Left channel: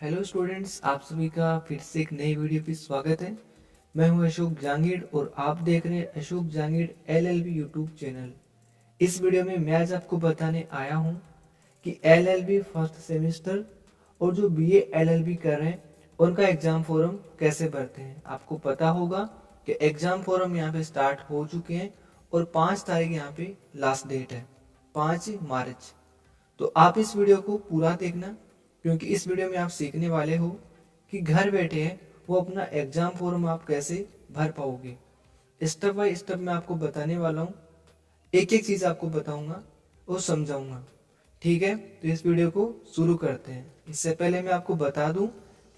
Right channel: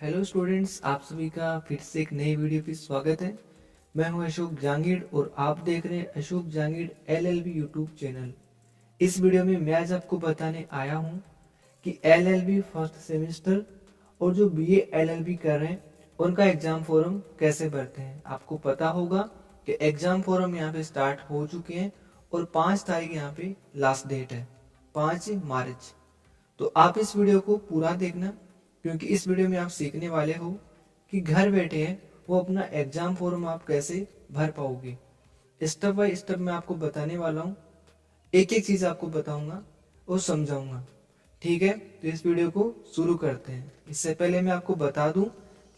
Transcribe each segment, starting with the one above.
Hello students, आप सभी का फिर से एक नई वीडियो पे स्वागत है। मैं हूं अशोक जहांगीर और आप देख रहे हैं Ashok Jahangir LLB YouTube channel. इस वीडियो में मैं आज आपको बताने आया हूं कि एलएलबी फर्स्ट सेमेस्टर और जो बीए एलएलबी कर रहे हैं उनका एग्ज़ाम फॉर्म कैसे भरते हैं। आपको पता होगा कि एग्ज़ाम फॉर्म यहाँ पे स्टार्ट हो चुके हैं और 5 तारीख यहाँ पे लास्ट डेट है, 5 मार्च। तो आप इस वीडियो को पूरा देखना, क्योंकि इस वीडियो में आप सीखने वाले हो कि घर बैठे हैं वो अपना एग्जाम फॉर्म आप कैसे भर पाओगे। स्टेप बाय स्टेप मैं आपको बताने वाला हूँ, एक एक चीज़ आपको बताऊंगा और समझाऊंगा। ठीक है, तो इस वीडियो को शुरू करते हैं। इससे पहले मैं आपको बता दूं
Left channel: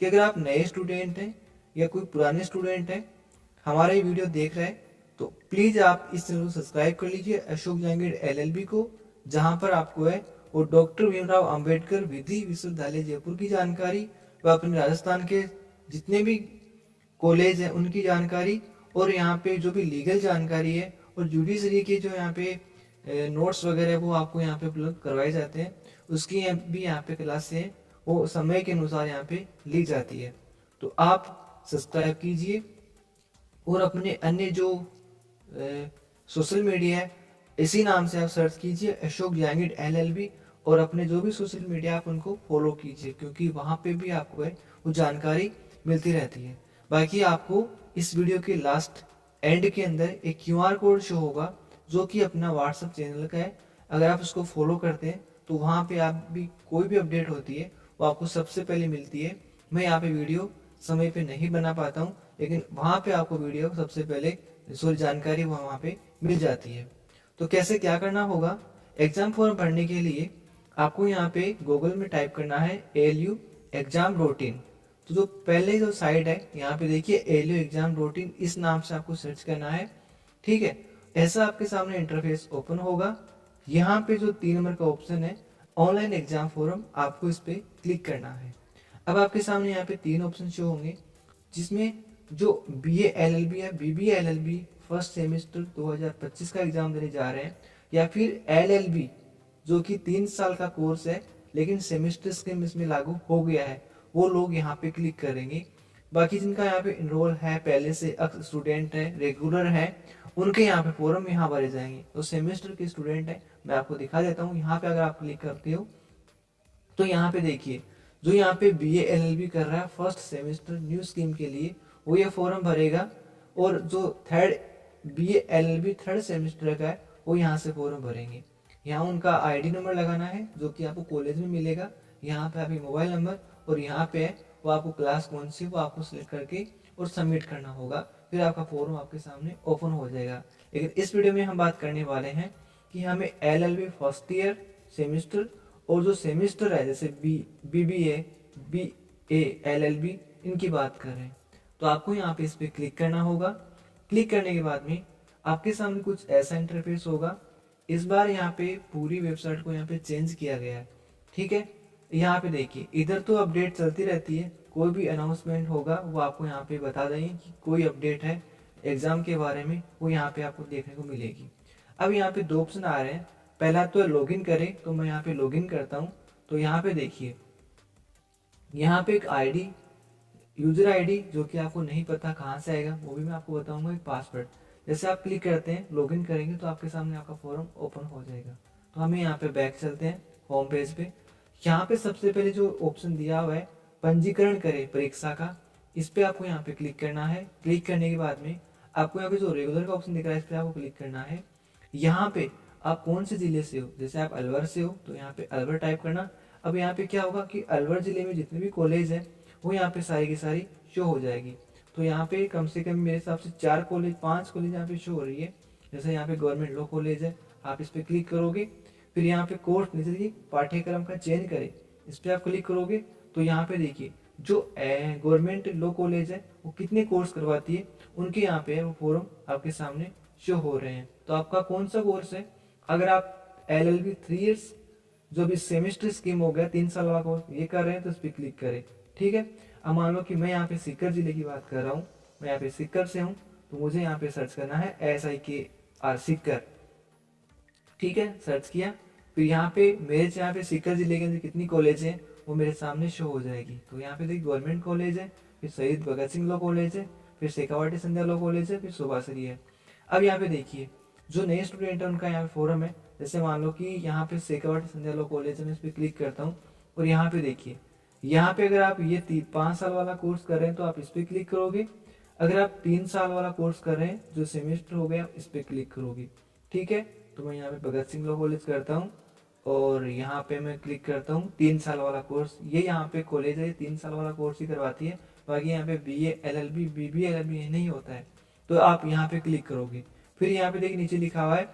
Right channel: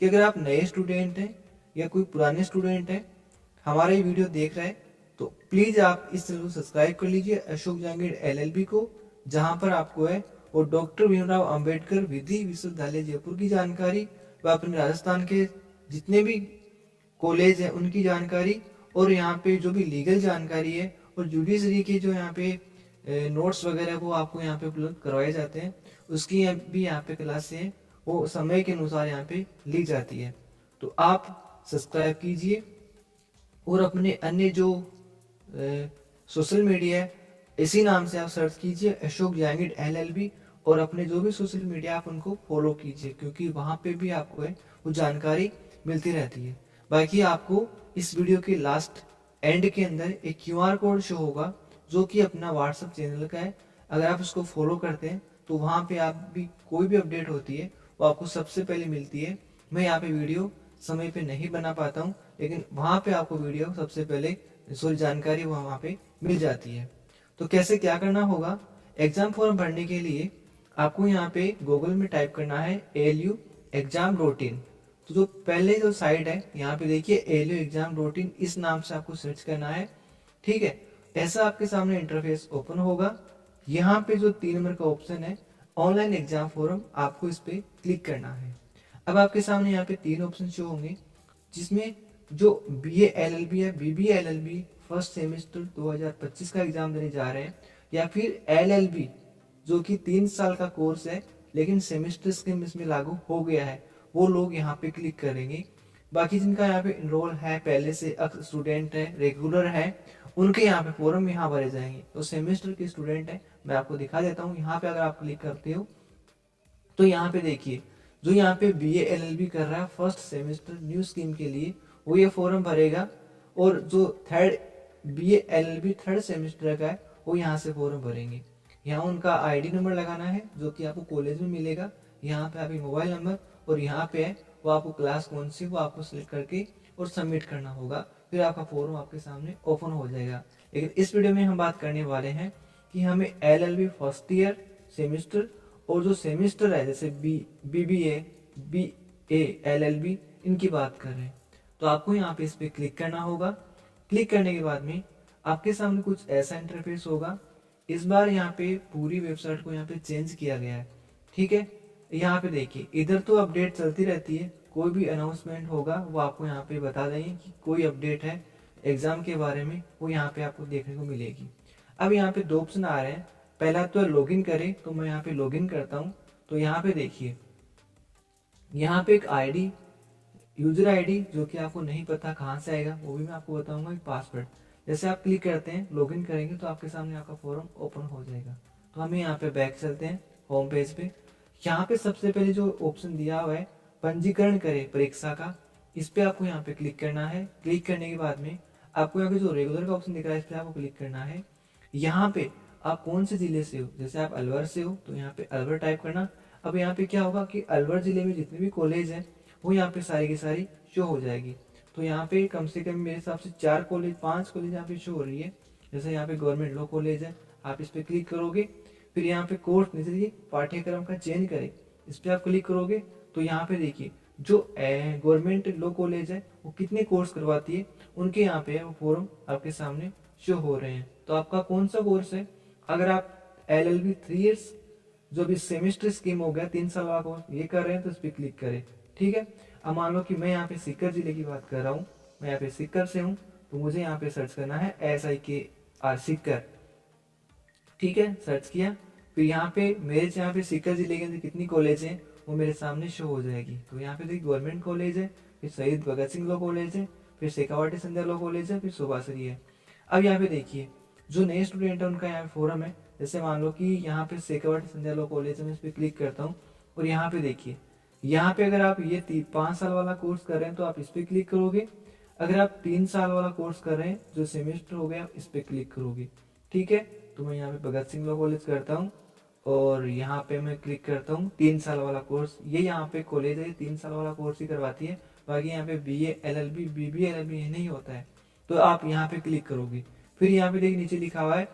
कि अगर आप नए स्टूडेंट हैं या कोई पुराने स्टूडेंट हैं हमारा ये वीडियो देख रहे हैं, तो प्लीज़ आप इस चैनल को सब्सक्राइब कर लीजिए अशोक जहांगीर एलएलबी को, जहां पर आपको है वो डॉक्टर भीमराव अंबेडकर विधि विश्वविद्यालय जयपुर की जानकारी व अपने राजस्थान के जितने भी कॉलेज हैं उनकी जानकारी, और यहाँ पे जो भी लीगल जानकारी है और जुडिशरी के जो यहाँ पे नोट्स वगैरह वो आपको यहाँ पे उपलब्ध करवाए जाते हैं, उसकी भी यहाँ पे क्लास है वो समय के अनुसार यहाँ पे ली जाती है। तो आप सब्सक्राइब कीजिए और अपने अन्य जो सोशल मीडिया है इसी नाम से आप सर्च कीजिए अशोक जहांगीर एलएलबी, और अपने जो भी सोशल मीडिया आप उनको फॉलो कीजिए, क्योंकि वहाँ पे भी आपको है वो जानकारी मिलती रहती है। बाकी आपको इस वीडियो के लास्ट एंड के अंदर एक क्यूआर कोड शो होगा जो कि अपना व्हाट्सएप चैनल का है। अगर आप उसको फॉलो करते हैं तो वहाँ पे आप भी कोई भी अपडेट होती है वो आपको सबसे पहले मिलती है। मैं यहाँ पे वीडियो समय पे नहीं बना पाता हूँ, लेकिन वहाँ पे आपको वीडियो सबसे पहले सॉरी जानकारी वहाँ पे मिल जाती है। तो कैसे क्या करना होगा, एग्जाम फॉर्म भरने के लिए आपको यहाँ पे गूगल में टाइप करना है ALU-exam.in। तो जो पहले जो साइट है यहाँ पे देखिए ALU-exam.in, इस नाम से आपको सर्च करना है। ठीक है, ऐसा आपके सामने इंटरफेस ओपन होगा। यहाँ पे जो 3 नंबर का ऑप्शन है ऑनलाइन एग्जाम फॉर्म, आपको इस पर क्लिक करना है। अब आपके सामने यहाँ पे 3 ऑप्शन शो होंगे, जिसमें जो BA LLB है, BBA LLB फर्स्ट सेमेस्टर 2025 का एग्जाम देने जा रहे हैं, या फिर LLB जो कि 3 साल का कोर्स है लेकिन सेमेस्टर स्कीम इसमें लागू हो गया है, वो लोग यहाँ पे क्लिक करेंगे। बाकी जिनका यहाँ पे इनरोल है, पहले से स्टूडेंट है, रेगुलर है, उनके यहाँ पे फॉर्म यहाँ भरे जाएंगे। तो सेमेस्टर के स्टूडेंट है, मैं आपको दिखा देता हूँ। यहाँ पे अगर आप क्लिक करते हो तो यहाँ पे देखिए जो यहाँ पे BA LLB कर रहा है फर्स्ट सेमेस्टर न्यू स्कीम के लिए वो ये फॉर्म भरेगा, और जो third BA LLB third semester का है वो यहाँ से फॉर्म भरेंगे। यहाँ उनका ID नंबर लगाना है जो कि आपको कॉलेज में मिलेगा। यहाँ पे आपकी मोबाइल नंबर और यहाँ पे है वो आपको क्लास कौन सी वो आपको सिलेक्ट करके और सबमिट करना होगा, फिर आपका फॉर्म आपके सामने ओपन हो जाएगा। लेकिन इस वीडियो में हम बात करने वाले हैं कि हमें LLB फर्स्ट ईयर सेमेस्टर और जो सेमेस्टर है जैसे BBA BA LLB इनकी बात कर रहे हैं। तो आपको यहाँ पे इस पर क्लिक करना होगा। क्लिक करने के बाद में आपके सामने कुछ ऐसा इंटरफेस होगा। इस बार यहाँ पे पूरी वेबसाइट को यहाँ पे चेंज किया गया है। ठीक है, यहाँ पे देखिए इधर तो अपडेट चलती रहती है, कोई भी अनाउंसमेंट होगा वो आपको यहाँ पे बता देंगे कि कोई अपडेट है एग्ज़ाम के बारे में, वो यहाँ पे आपको देखने को मिलेगी। अब यहाँ पे 2 ऑप्शन आ रहे हैं। पहला तो लॉगिन करें, तो मैं यहाँ पे लॉगिन करता हूँ। तो यहाँ पे देखिए यहाँ पे एक ID यूजर ID जो कि आपको नहीं पता कहाँ से आएगा, वो भी मैं आपको बताऊंगा। एक पासवर्ड जैसे आप क्लिक करते हैं लॉगिन करेंगे तो आपके सामने आपका फॉर्म ओपन हो जाएगा। तो हमें यहाँ पे बैक चलते हैं होम पेज पे। यहाँ पे सबसे पहले जो ऑप्शन दिया हुआ है पंजीकरण करें परीक्षा का, इस पर आपको यहाँ पे क्लिक करना है। क्लिक करने के बाद में आपको यहाँ पे जो रेगुलर का ऑप्शन दिख रहा है इस पर आपको क्लिक करना है। यहाँ पे आप कौन से ज़िले से हो, जैसे आप अलवर से हो तो यहाँ पे अलवर टाइप करना। अब यहाँ पे क्या होगा कि अलवर ज़िले में जितने भी कॉलेज है वो यहाँ पे सारी की सारी शो हो जाएगी। तो यहाँ पे कम से कम मेरे हिसाब से 5 कॉलेज यहाँ पे शो हो रही है। जैसे यहाँ पे गवर्नमेंट लॉ कॉलेज है, आप इस पर क्लिक करोगे। फिर यहाँ पे कोर्स नीचे देखिए पाठ्यक्रम का चयन करें, इस पर आप क्लिक करोगे तो यहाँ पे देखिए जो गवर्नमेंट लॉ कॉलेज है वो कितने कोर्स करवाती है उनके यहाँ पे वो फॉर्म आपके सामने शो हो रहे हैं। तो आपका कौन सा कोर्स है, अगर आप LLB 3 ईयर्स जो भी सेमेस्टर स्कीम हो गया 3 साल का कोर्स ये कर रहे हैं तो इस पर क्लिक करें। ठीक है, अब मान लो कि मैं यहाँ पे सीकर जिले की बात कर रहा हूँ, मैं यहाँ पे सीकर से हूँ, तो मुझे यहाँ पे सर्च करना है SIKR सीकर। ठीक है, सर्च किया। फिर यहाँ पे मेरे यहाँ पे सीकर जिले के अंदर कितनी कॉलेज हैं वो मेरे सामने शो हो जाएगी। तो यहाँ पे देखिए गवर्नमेंट कॉलेज है, फिर शहीद भगत सिंह लॉ कॉलेज है, फिर शेखावाटी संध्या लॉ कॉलेज है, फिर सुभाषरी है। अब यहाँ पे देखिए जो नए स्टूडेंट है उनका यहाँ पे फोरम है। जैसे मान लो कि यहाँ पे शेखावाटी संध्या लॉ कॉलेज है, मैं इस पर क्लिक करता हूँ और यहाँ पे देखिए, यहाँ पे अगर आप ये 5 साल वाला कोर्स कर रहे हैं तो आप इस पर क्लिक करोगे। अगर आप 3 साल वाला कोर्स कर रहे हैं जो सेमेस्टर हो गया, आप इस पर क्लिक करोगे। ठीक है, तो मैं यहाँ पे भगत सिंह लॉ कॉलेज करता हूँ और यहाँ पे मैं क्लिक करता हूँ 3 साल वाला कोर्स। ये यहाँ पे कॉलेज है, 3 साल वाला कोर्स ही करवाती है। बाकी यहाँ पे BA LLB BBA LLB नहीं होता है। तो आप यहाँ पे क्लिक करोगे। फिर यहाँ पे देखिए नीचे लिखा हुआ है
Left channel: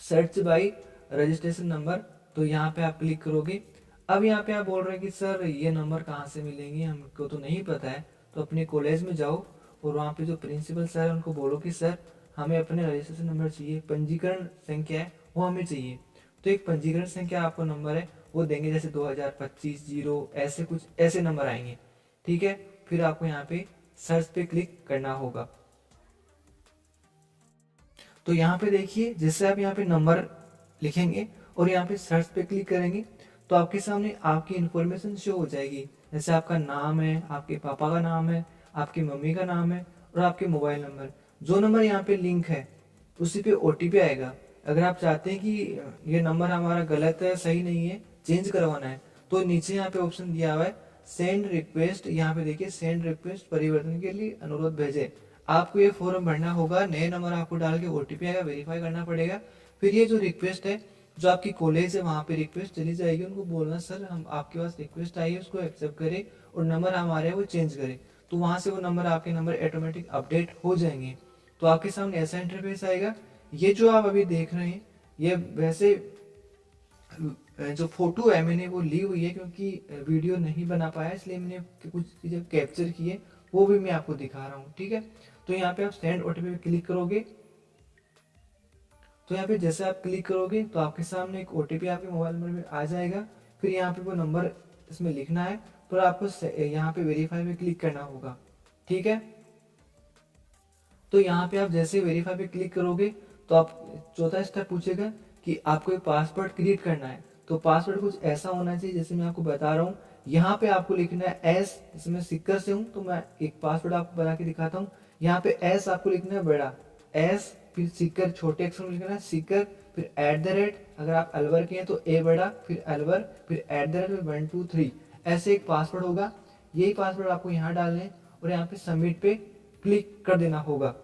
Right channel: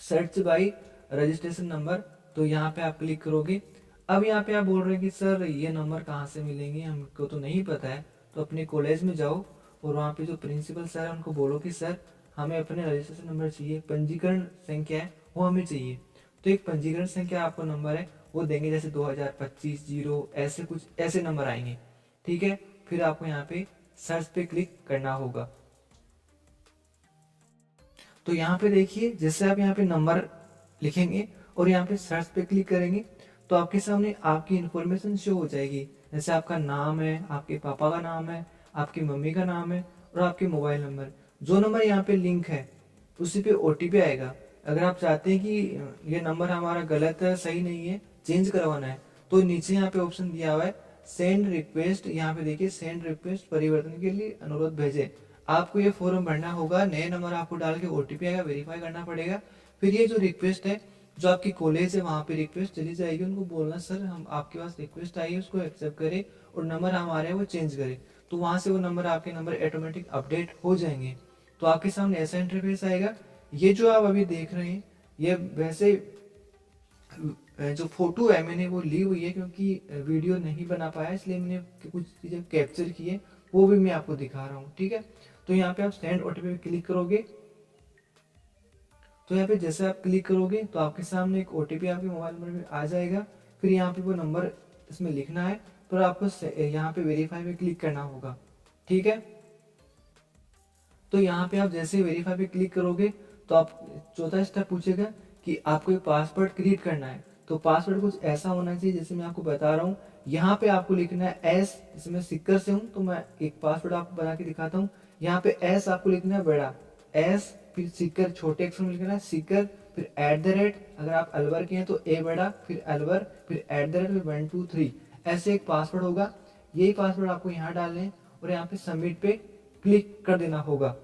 सर्च बाई रजिस्ट्रेशन नंबर, तो यहाँ पे आप क्लिक करोगे। अब यहाँ पे आप बोल रहे हैं कि सर ये नंबर कहाँ से मिलेंगे, हमको तो नहीं पता है। तो अपने कॉलेज में जाओ और वहाँ पे जो प्रिंसिपल सर है उनको बोलो कि सर हमें अपने रजिस्ट्रेशन नंबर चाहिए, पंजीकरण संख्या है वो हमें चाहिए। तो एक पंजीकरण संख्या आपको नंबर है वो देंगे, जैसे 2025 0 ऐसे कुछ ऐसे नंबर आएंगे। ठीक है, फिर आपको यहाँ पे सर्च पे क्लिक करना होगा। तो यहाँ पे देखिए जैसे आप यहाँ पे नंबर लिखेंगे और यहाँ पे सर्च पे क्लिक करेंगे तो आपके सामने आपकी इन्फॉर्मेशन शो हो जाएगी। जैसे आपका नाम है, आपके पापा का नाम है, आपकी मम्मी का नाम है और आपके मोबाइल नंबर। जो नंबर यहाँ पे लिंक है उसी पे OTP आएगा। अगर आप चाहते हैं कि ये नंबर हमारा गलत है, सही नहीं है, चेंज करवाना है, तो नीचे यहाँ पे ऑप्शन दिया हुआ है सेंड रिक्वेस्ट। यहाँ पे देखिए सेंड रिक्वेस्ट, परिवर्तन के लिए अनुरोध भेजे। आपको ये फॉर्म भरना होगा, नए नंबर आपको डाल के OTP आएगा, वेरीफाई करना पड़ेगा। फिर ये जो रिक्वेस्ट है जो आपकी कॉलेज है वहाँ पे रिक्वेस्ट चली जाएगी, उनको बोलना सर हम आपके पास रिक्वेस्ट आई है उसको एक्सेप्ट करें और नंबर हमारे वो चेंज करें। तो वहाँ से वो नंबर आपके नंबर ऑटोमेटिक अपडेट हो जाएंगे। तो आपके सामने ऐसा इंटरफेस आएगा। ये जो आप अभी देख रहे हैं ये वैसे जो फोटो है मैंने वो ली हुई है, क्योंकि वीडियो नहीं बना पाया इसलिए मैंने कुछ चीज़ें कैप्चर की है, वो भी मैं आपको दिखा रहा हूँ। ठीक है, तो यहाँ पे आप सेंड OTP पे क्लिक करोगे। तो यहाँ पे जैसे आप क्लिक करोगे तो आपके सामने एक OTP आपके मोबाइल नंबर में आ जाएगा। फिर यहाँ पे वो नंबर इसमें लिखना है, पर आपको यहाँ पे वेरीफाई पे क्लिक करना होगा। ठीक है, तो यहाँ पे आप जैसे वेरीफाई पे क्लिक करोगे तो आप चौथा स्टेप पूछेगा कि आपको एक पासवर्ड क्रिएट करना है। तो पासवर्ड कुछ ऐसा होना चाहिए जैसे मैं आपको बता रहा हूँ। यहाँ पे आपको लिखना है एस, जैसे मैं सिक्कर से हूँ तो मैं एक पासवर्ड आपको बना के दिखाता हूँ। यहाँ पे एस आपको लिखना है बड़ा एस, फिर सिक्कर छोटे अक्षर में लिखना है सिक्कर, फिर @ अगर आप अलवर के हैं तो ए बड़ा, फिर अलवर, फिर @ फिर 1 2 3 ऐसे एक पासवर्ड होगा। यही पासवर्ड आपको यहाँ डालने और यहाँ पे सबमिट पे क्लिक कर देना होगा।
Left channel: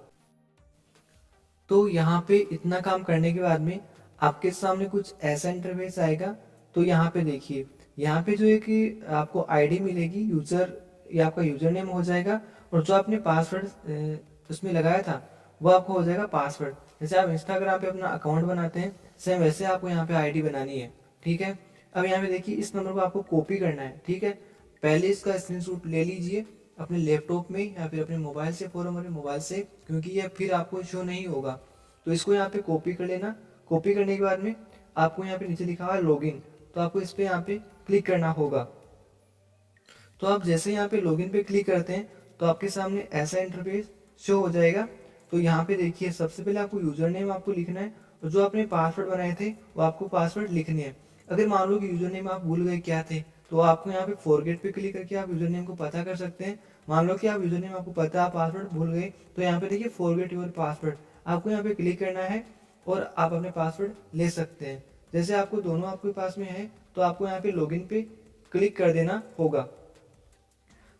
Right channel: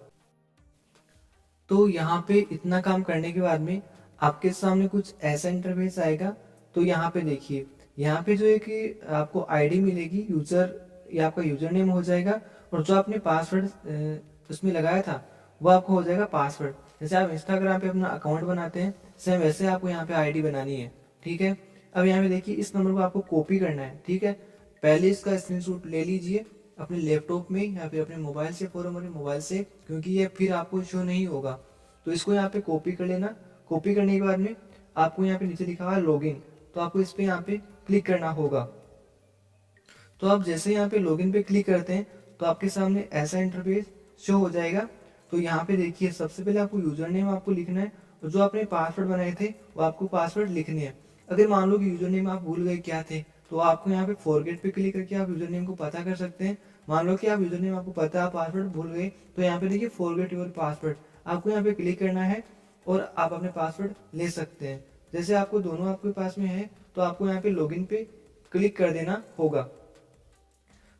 तो यहाँ पे इतना काम करने के बाद में आपके सामने कुछ ऐसा इंटरफेस आएगा। तो यहाँ पे देखिए, यहाँ पे जो है कि आपको आईडी मिलेगी यूजर, या आपका यूजर नेम हो जाएगा और जो आपने पासवर्ड उसमें लगाया था वो आपको हो जाएगा पासवर्ड। जैसे आप इंस्टाग्राम पे अपना अकाउंट बनाते हैं सेम वैसे आपको यहाँ पे आईडी बनानी है। ठीक है, अब यहाँ पे देखिए इस नंबर को आपको कॉपी करना है। ठीक है, पहले इसका स्क्रीनशॉट ले लीजिए अपने लैपटॉप में या फिर अपने मोबाइल से, फॉरम वाले मोबाइल से, क्योंकि ये फिर आपको शो नहीं होगा। तो इसको यहाँ पे कॉपी कर लेना। कॉपी करने के बाद में आपको यहाँ पे नीचे लिखा हुआ है लॉगिन, तो आपको इस पे यहाँ पे क्लिक करना होगा। तो आप जैसे यहाँ पे लॉगिन पे क्लिक करते हैं तो आपके सामने ऐसा इंटरफेस शो हो जाएगा। तो यहाँ पे देखिए सबसे पहले आपको यूजर नेम आपको लिखना है और जो आपने पासवर्ड बनाए थे वो आपको पासवर्ड लिखने हैं। अगर मान लो कि यूजर नेम आप भूल गए क्या थे तो आपको यहाँ पे फॉरगेट पे क्लिक करके आप यूजर नेम को पता कर सकते हैं। मान लो कि आप यूजर नेम आपको पता है, पासवर्ड भूल गए, तो यहाँ पे देखिए फॉरगेट योर पासवर्ड, आपको यहाँ पे क्लिक करना है और आप अपने पासवर्ड ले सकते हैं। जैसे आपको दोनों आपके पास में है तो आपको यहाँ पे लॉगिन पे क्लिक कर देना होगा।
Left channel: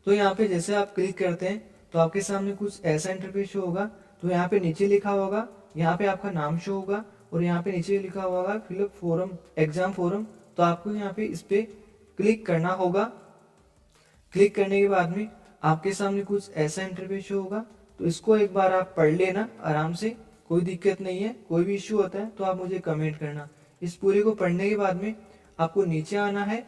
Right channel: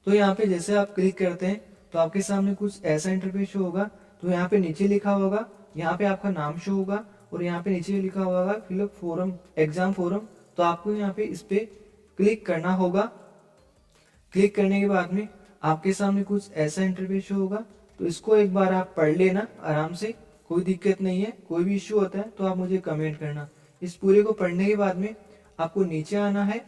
तो यहाँ पे जैसे आप क्लिक करते हैं तो आपके सामने कुछ ऐसा इंटरफेस शो होगा। तो यहाँ पे नीचे लिखा होगा, यहाँ पे आपका नाम शो होगा और यहाँ पे नीचे लिखा होगा फिलअप फॉर्म, एग्जाम फॉर्म। तो आपको यहाँ पे इस पे क्लिक करना होगा। क्लिक करने के बाद में आपके सामने कुछ ऐसा इंटरफेस शो होगा। तो इसको एक बार आप पढ़ लेना आराम से, कोई दिक्कत नहीं है। कोई भी इश्यू होता है तो आप मुझे कमेंट करना। इस पूरे को पढ़ने के बाद में आपको नीचे आना है।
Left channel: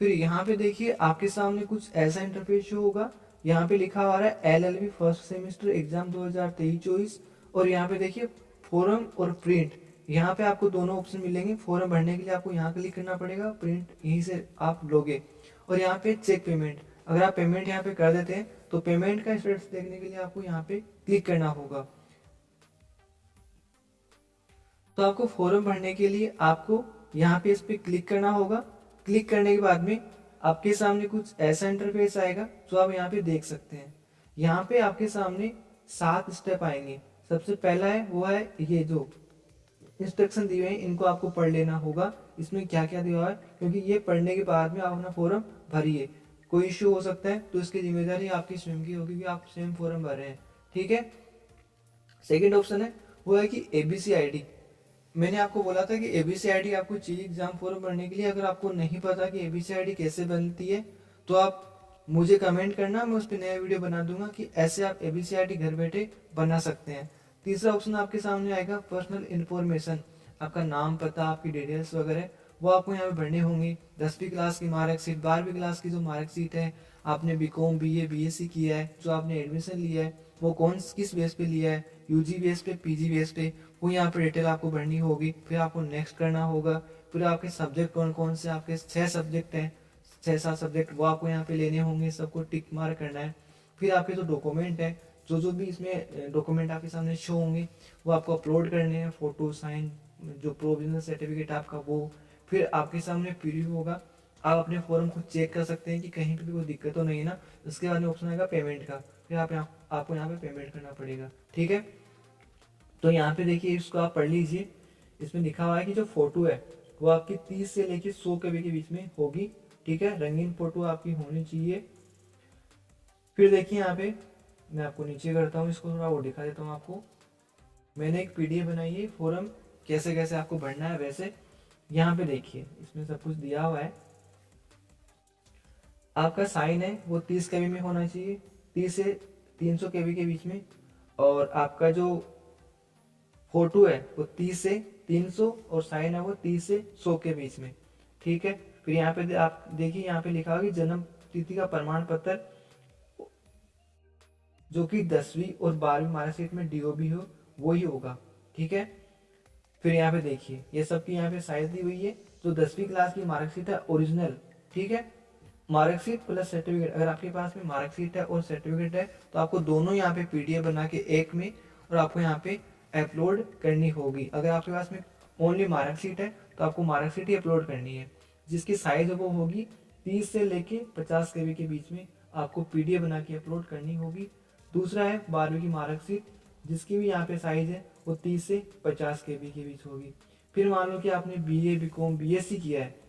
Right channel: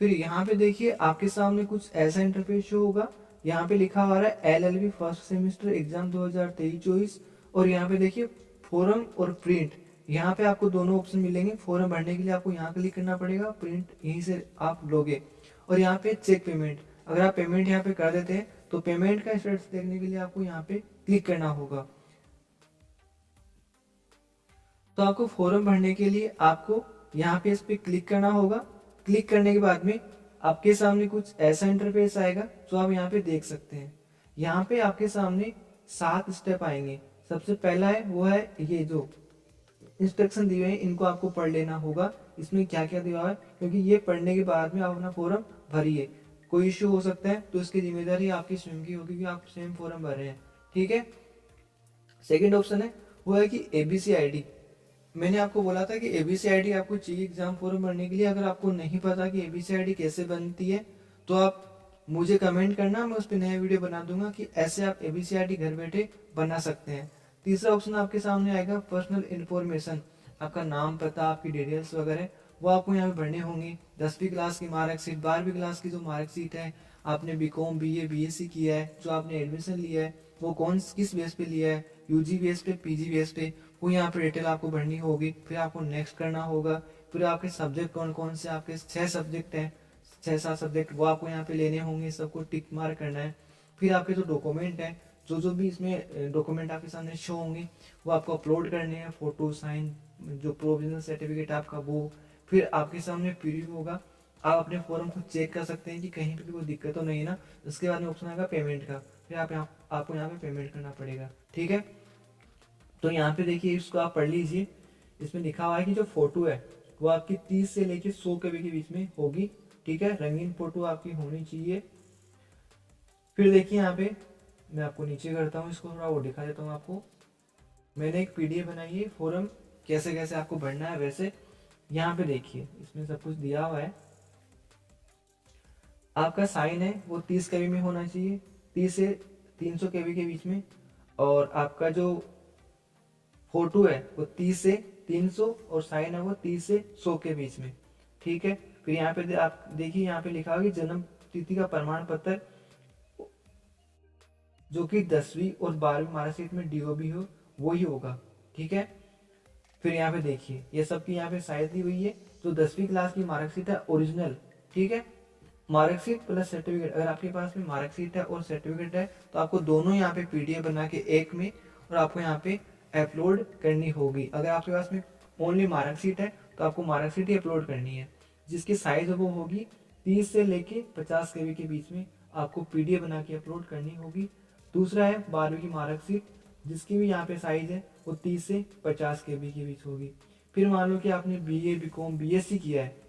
फिर यहाँ पे देखिए आपके सामने कुछ ऐसा इंटरफेस शो होगा। यहाँ पे लिखा हुआ है LLB फर्स्ट सेमेस्टर एग्जाम 2023-24 और यहाँ पे देखिए फॉर्म और प्रिंट। यहाँ पे आपको दोनों ऑप्शन मिलेंगे। फॉर्म भरने के लिए आपको यहाँ क्लिक करना पड़ेगा, प्रिंट यहीं से आप लोगे। और यहाँ पे चेक पेमेंट, अगर आप पेमेंट यहाँ पे कर देते हैं तो पेमेंट का स्टेटस देखने के लिए आपको यहाँ पे क्लिक करना होगा। तो आपको फॉर्म भरने के लिए आपको यहाँ पे इस पे क्लिक करना होगा। क्लिक करने के बाद में आपके सामने कुछ ऐसा इंटरफेस आएगा जो आप यहाँ पे देख सकते हैं। यहाँ पे आपके सामने 7 स्टेप आएंगे। सबसे पहला है वो है ये जो इंस्ट्रक्शन दिए हुए हैं, इनको आपको पढ़ लेना होगा। इसमें क्या क्या दिया हुआ है, क्योंकि ये पढ़ने के बाद में आप अपना फॉर्म भरिए। कोई इश्यू हो सकता है तो इसकी जिम्मेदारी आपकी स्वयं की होगी, क्योंकि आप स्वयं फॉर्म भर रहे हैं। ठीक है। सेकेंड ऑप्शन है वो है कि ABCID। मैंने आपको बोला था कि ABCID आपको चाहिए एग्जाम फॉर्म भरने के लिए। अगर आपको नहीं पता कि ABCID कैसे बनती है तो आप मुझे कमेंट करना, मैं उस पर नया वीडियो बना दूंगा कि ऐसे आप ABCID घर बैठे बना सकते हैं। तीसरा ऑप्शन आपके सामने आएगा पर्सनल इन्फॉर्मेशन। आपका नाम, पता, आपकी डिटेल्स वगैरह वो आपको यहाँ पे भरने होंगे। 10वीं क्लास की मार्कशीट, 12वीं क्लास की जो मार्कशीट है, आपने BCom BA BSc किया है, जो आपने एडमिशन लिया है वो किस बेस पे लिया है, UG बेस पे, PG बेस पे, वो यहाँ पर डिटेल आपको भरनी होगी। फिर आपको नेक्स्ट करना होगा। फिर आपके सब्जेक्ट कौन कौन से, आपके 6 सब्जेक्ट हैं, 6-7 सब्जेक्ट, वो आपको यहाँ पे लेने होंगे, सबको टिक मार्क करना है। फिर आपके जो डॉक्यूमेंट है, जो भी इसमें डॉक्यूमेंट आपके सामने शो होंगे वो आपको अपलोड करने हैं। फोटो, साइन, जो प्रोविजनल सर्टिफिकेट आपका वो। फिर आपके सामने प्रीव्यू होगा, आप अपने फॉर्म को चेक कर सकते हैं कि कहीं पे भी कोई दिक्कत तो नहीं है ना। उसके बाद में ऑप्शन आएगा पेमेंट का, फिर आपको यहाँ पे पेमेंट करना पड़ेगा। ठीक है। तो यहाँ पे देखिए, इसको आप पढ़ लीजिए। इसमें लिखा हुआ है कि जो फोटो है वो आपकी 30 से लेके 100 KB के बीच में होगी। ठीक है, रंगीन फोटो आपकी होनी चाहिए। फिर देखिए यहाँ पे मैं आपको नीचे करता हूँ, इसको थोड़ा वो दिखा देता हूँ आपको। मैंने एक PDF बनाई है फॉर्म कैसे कैसे आपको भरना है। वैसे यहाँ पे देखिए इसमें सब कुछ दिया हुआ है। आपका साइन है वो 30 KB में होना चाहिए, 30 से 300 KB के बीच में। और आपका जो फोटो है वो 30 से 300 और साइन है वो 30 से 100 के बीच में। ठीक है। फिर यहाँ पे आप देखिए, यहाँ पे लिखा होगा कि जन्म तिथि का प्रमाण पत्र जो कि 10वीं और 12वीं मार्कशीट में DOB हो वो ही होगा। ठीक है। फिर यहाँ पे देखिए ये सब की यहाँ पे साइज दी हुई है। जो 10वीं क्लास की मार्कशीट है ओरिजिनल, ठीक है, मार्कशीट प्लस सर्टिफिकेट, अगर आपके पास में मार्कशीट है और सर्टिफिकेट है तो आपको दोनों यहाँ पे PDF बना के एक में और आपको यहाँ पे अपलोड करनी होगी। अगर आपके पास में ओनली मार्कशीट है तो आपको मार्कशीट ही अपलोड करनी है, जिसकी साइज वो होगी 30 से लेके 50 KB के बीच में आपको PDF बना के अपलोड करनी होगी। दूसरा है 12वीं की मार्कशीट, जिसकी भी यहाँ पे साइज है वो 30 से 50 KB के बीच होगी। फिर मान लो कि आपने BA BCom BSc किया है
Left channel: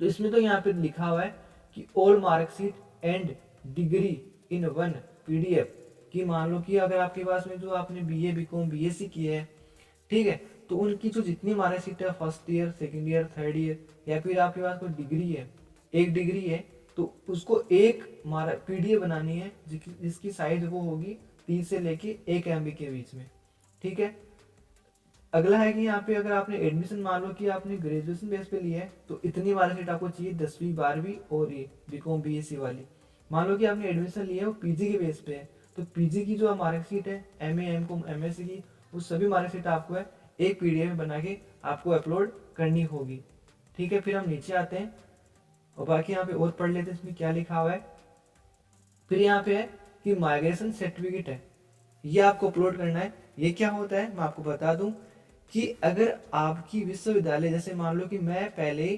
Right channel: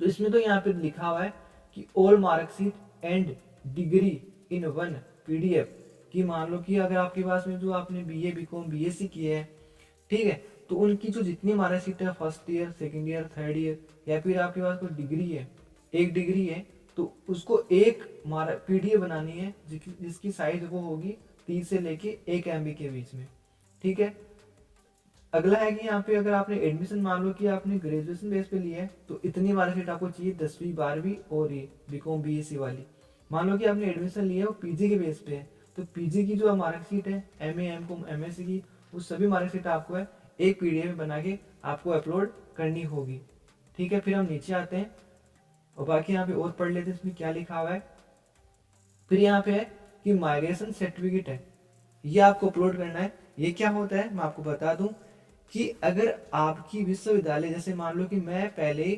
तो इसमें तो यहाँ पे लिखा हुआ है कि all marksheet and degree in one PDF। कि मान लो कि अगर आपके पास में जो आपने BA BCom BSc किया है, ठीक है, तो उनकी जो जितनी मार्कशीट है, first year, second year, third year, या फिर आपके पास कोई डिग्री है, एक डिग्री है, तो उसको एक PDF बनानी है जिसकी साइज वो होगी 30 से लेके 1 MB के बीच में। ठीक है। अगला है कि यहाँ पे अगर आपने एडमिशन मान लो कि आपने ग्रेजुएशन बेस पे लिया है तो इतनी मार्कशीट आपको चाहिए 10वीं 12वीं और ये BCom BSc वाली। मान लो कि आपने एडमिशन लिया है वो PG के बेस पे है तो PG की जो मार्कशीट है MA MCom MSc की, वो सभी मार्कशीट आपको है एक PDF बना के आपको अपलोड करनी होगी। ठीक है। फिर हम नीचे आते हैं और बाकी यहाँ पे और पढ़ लेते हैं इसमें क्या लिखा हुआ है। फिर यहाँ पे है कि माइग्रेशन सर्टिफिकेट है, ये आपको अपलोड करना है। ये क्या होता है मैं आपको बता दूं कि अगर आपकी विश्वविद्यालय, जैसे मान लो कि मैं पहले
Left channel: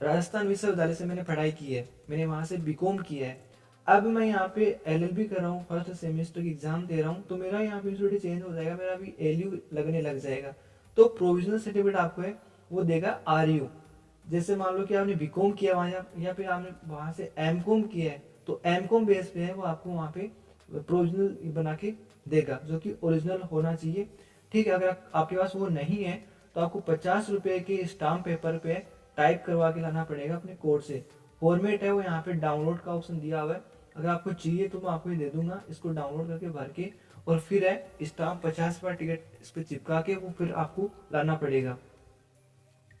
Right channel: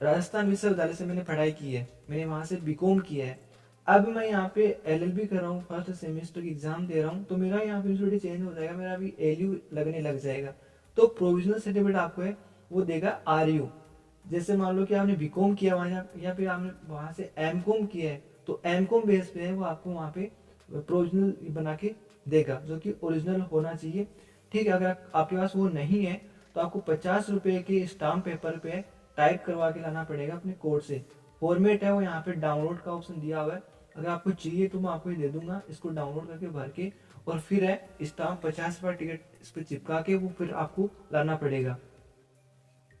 राजस्थान विश्वविद्यालय से मैंने पढ़ाई की है, मैंने वहाँ से BCom किया है, अब मैं यहाँ पे LLB कर रहा हूँ, फर्स्ट सेमेस्टर की एग्जाम दे रहा हूँ, तो मेरा यहाँ पे इंस्टीट्यूट चेंज हो जाएगा, मेरा अभी ALU लगने लग जाएगा, तो प्रोविजनल सर्टिफिकेट आपको है वो देगा RU। जैसे मान लो कि आपने BCom किया वहाँ या फिर आपने वहाँ से MCom किया है तो MCom बेस पे है वो आपको वहाँ पे प्रोविजनल बना के देगा, जो कि ओरिजिनल होना चाहिए। ठीक है। अगर आपके पास वो नहीं है तो आपको 50 रुपये के स्टाम्प पेपर पे टाइप करवा के लाना पड़ेगा अपने कोड से। फॉर्मेट है वो यहाँ पे डाउनलोड का ऑप्शन दिया हुआ है, अगर आपको चाहिए तो मैं आपको ये दे दूंगा, इसको डाउनलोड करके भर के और फिर है स्टाम्प 50 रुपये टिकट इस पर चिपका के वो फिर आपको लाना पड़ेगा।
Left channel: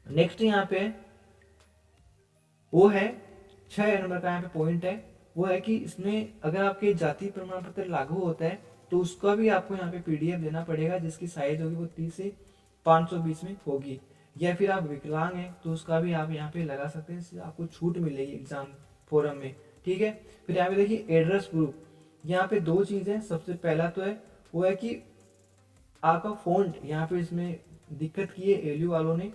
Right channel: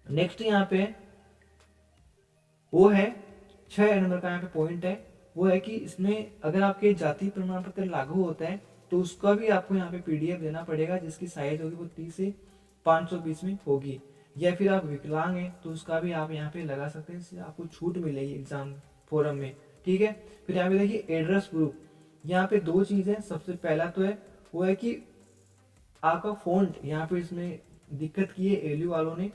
नेक्स्ट यहाँ पे वो है 6 नंबर का यहाँ पे पॉइंट है, वो है कि इसमें अगर आपके जाति प्रमाण पत्र लागू होता है तो उसका भी आपको यहाँ पे PDF देना पड़ेगा, जिसकी साइज होगी वो 30 से 500 बीच में होगी। या फिर आप विकलांग हैं तो उसका भी आप यहाँ पे लगा सकते हैं, इससे आपको छूट मिलेगी एग्जाम फॉरम में। ठीक है। फिर यहाँ पे देखिए एड्रेस प्रूफ, यहाँ पे 2 चीज़ें। सबसे पहला तो है वो है कि आपका फॉन्ट, यहाँ पे इसमें दिक्कत की है ALU वालों ने,